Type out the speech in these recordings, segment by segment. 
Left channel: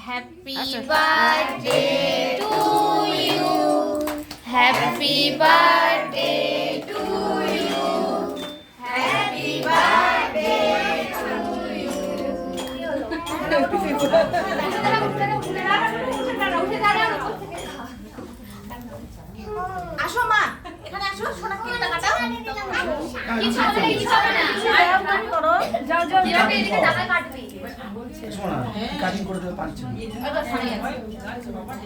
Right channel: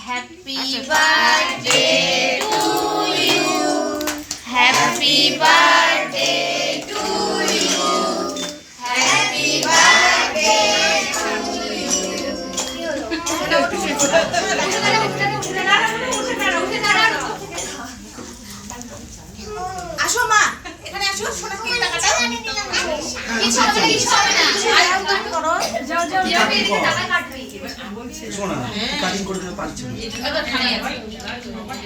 Happy birthday to you. Happy birthday to you. Happy birthday to you. আসো মা এখানে আসো সোনা কি টাকাটা কিছু হবে না যাও যাও যাও এদিকে টাকা কাটবি সোনা কাটিং করে দিতে পারছি না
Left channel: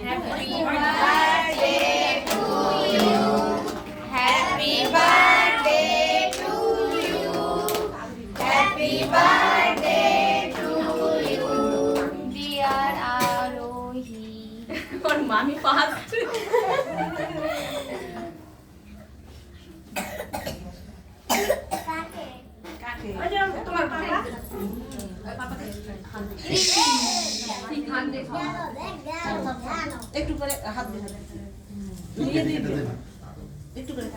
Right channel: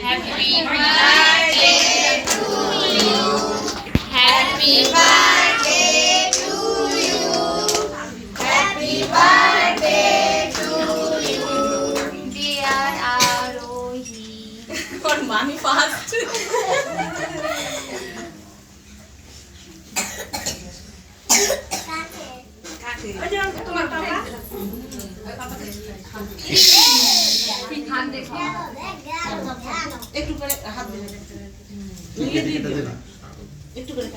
happy birthday to you happy birthday to you happy birthday to you dear Arohi কোন মামি ফাস্ট তোমার পাপা একটু করে হাত দিয়ে একটু করে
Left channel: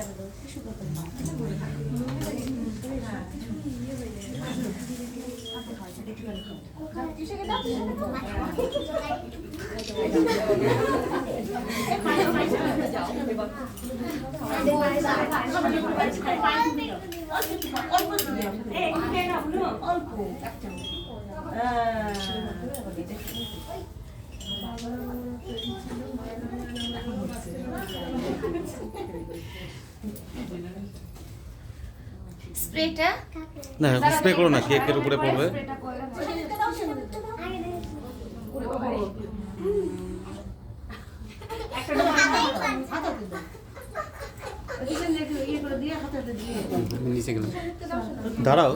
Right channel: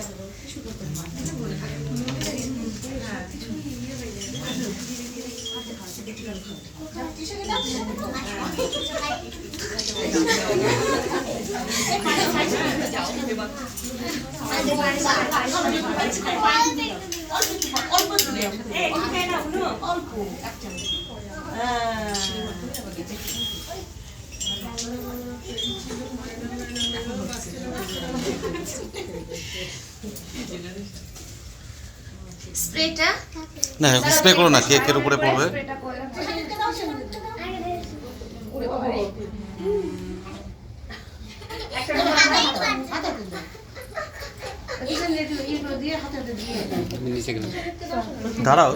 স্প্রেটা না স্প্রে করো না, কেকের উপরে পড়বে। দাঁড়াও।